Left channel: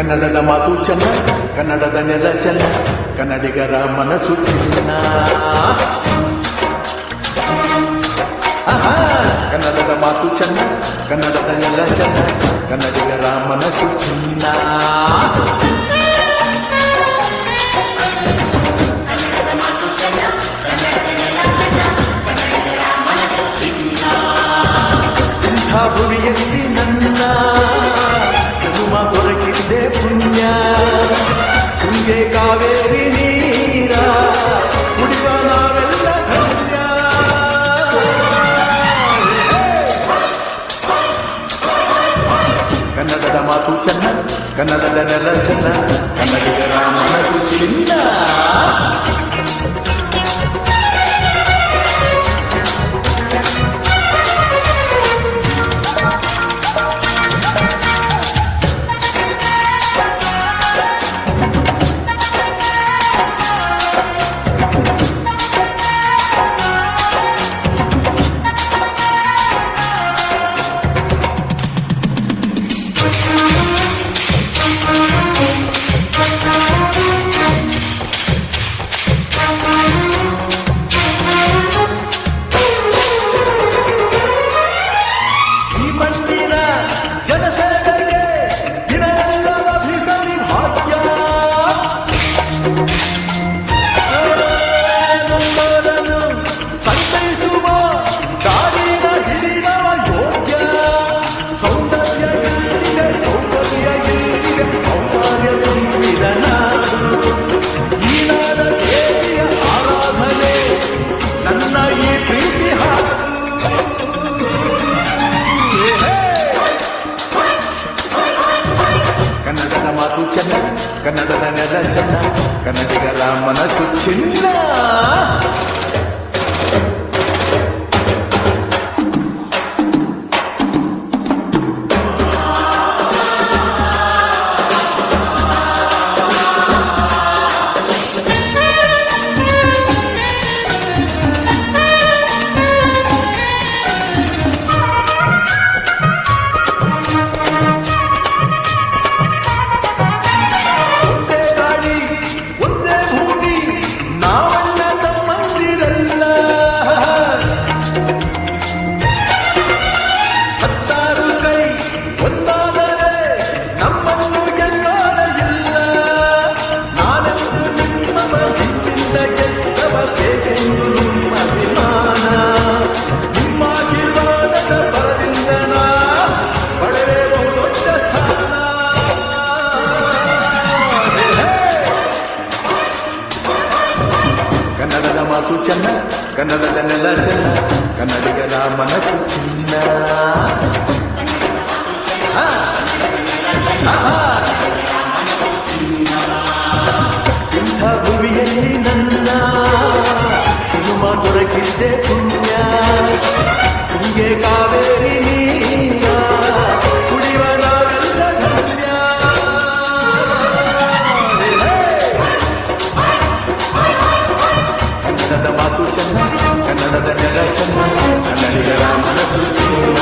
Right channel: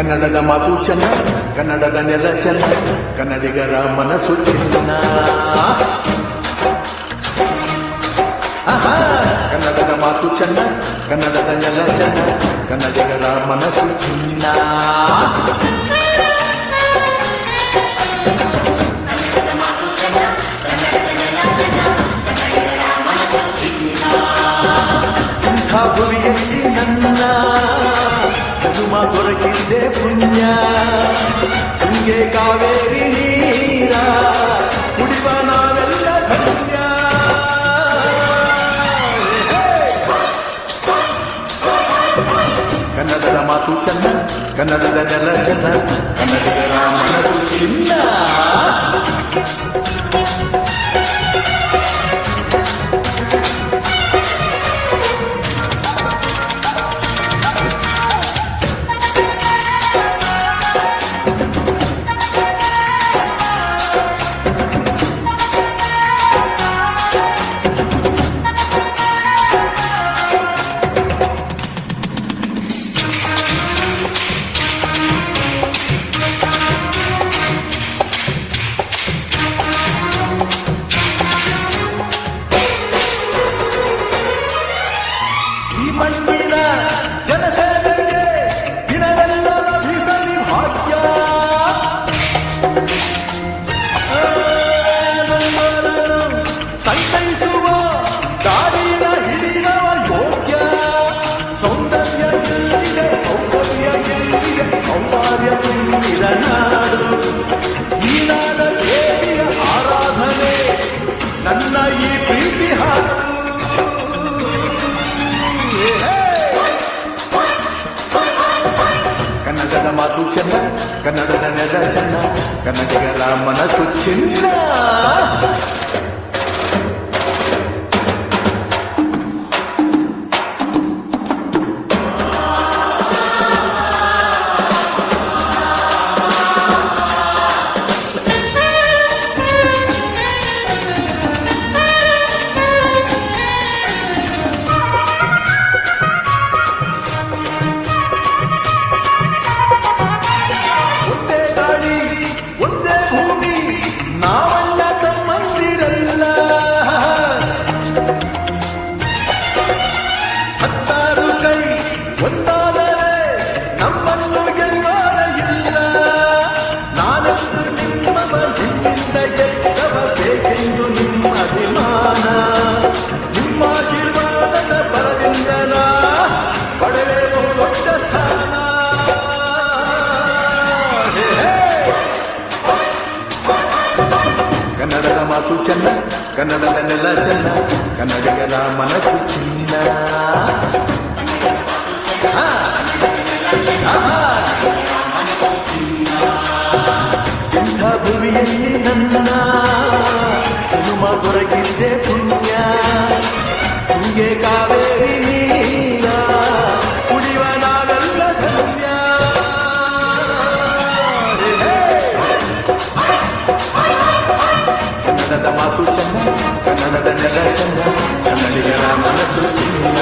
ಕನ್ನಡದ ಮಾತು ಚೆನ್ನ, ಕನ್ನಡದ ನೆಲ ಚೆನ್ನ, ಕನ್ನಡಿಗರ ಮನಸ್ಸು ಚಿನ್ನ. ಕನ್ನಡದ ಮಾತು ಚೆನ್ನ, ಕನ್ನಡದ ನೆಲ ಚೆನ್ನ, ಕನ್ನಡಿಗರ ಮನಸ್ಸು ಚಿನ್ನ. ಇಂಥ ಭುವಿಯಲ್ಲಿ ನನ್ನ ಜನುಮ ದೊರಕಿದ್ದೆ ಪುಣ್ಯ. ತುಂಗೆ ಕಾವೇರಿ ನೀರ ಕುಡಿವ ನಾವೆಲ್ಲ ಧನ್ಯ. ಕನ್ನಡದ ಮಾತು ಚೆನ್ನ, ಕನ್ನಡದ ನೆಲ ಚೆನ್ನ, ಕನ್ನಡಿಗರ ಮನಸ್ಸು ಚಿನ್ನ. ಮಣ್ಣಿನ ಜನಸೇವೆಗೆ ದಿನವೆಲ್ಲ ಲಭಿಸಲಿ ಭಾಗ್ಯ. ನೊಂದವರನ್ನು ಸಂತೈಸುವ ದಾರಿನ ಹಿಡಿಯವ ಯೋಗ್ಯ. ಸೌಂದರ್ಯ ಇಲ್ಲಿದೆ, ಸೌಂದರ್ಯ ಇಲ್ಲಿದೆ, ಔದಾರ್ಯ ತುಂಬಿದ ನಾಡು. ಈ ನಾಡ ದೇವಿಯ ಆರಾಧನೆ ನನ್ನ ಈ ಪ್ರೀತಿ ಹಾಡು. ಕನ್ನಡದ ಮಾತು ಚೆನ್ನ, ಕನ್ನಡದ ನೆಲ ಚೆನ್ನ, ಕನ್ನಡಿಗರ ಮನಸ್ಸು ಚಿನ್ನ. ಒಂದೇ ಭೂಮಿ ನಾವಣ್ಣ ತಮ್ಮಂದಿರಲ್ಲ. ಹತ್ತಾರು ಕೈ ಒಂದಾದರೆ ನಮ್ಮನ್ನು ಗೆಲ್ಲೋರ ಇಲ್ಲ. ನಾನೆಂದು ನಿಮ್ಮವ ಹಿಂದಿಂದ ಗೆದ್ದವ ಬೇಕೆಂದು ನಿಮ್ಮ ಅಭಿಮಾನ. ನಿಮ್ಮ ಆಶೀರ್ವಾದದ ಬರದಿಂದ ನಾ ಪಡೆದೇ ಬಹುದೊಡ್ಡ ಸ್ಥಾನ. ಕನ್ನಡದ ಮಾತು ಚೆನ್ನ, ಕನ್ನಡದ ನೆಲ ಚೆನ್ನ, ಕನ್ನಡಿಗರ ಮನಸ್ಸು ಚಿನ್ನ. ಇಂಥ ಭುವಿಯಲ್ಲಿ ನನ್ನ ಜನುಮ ದೊರಕಿದ್ದೆ ಪುಣ್ಯ. ತುಂಗೆ ಕಾವೇರಿ ನೀರ ಕುಡಿವ ನಾವೆಲ್ಲ ಧನ್ಯ. ಕನ್ನಡದ ಮಾತು ಚೆನ್ನ, ಕನ್ನಡದ ನೆಲ ಚೆನ್ನ, ಕನ್ನಡಿಗರ ಮನಸ್ಸು ಚಿನ್ನ.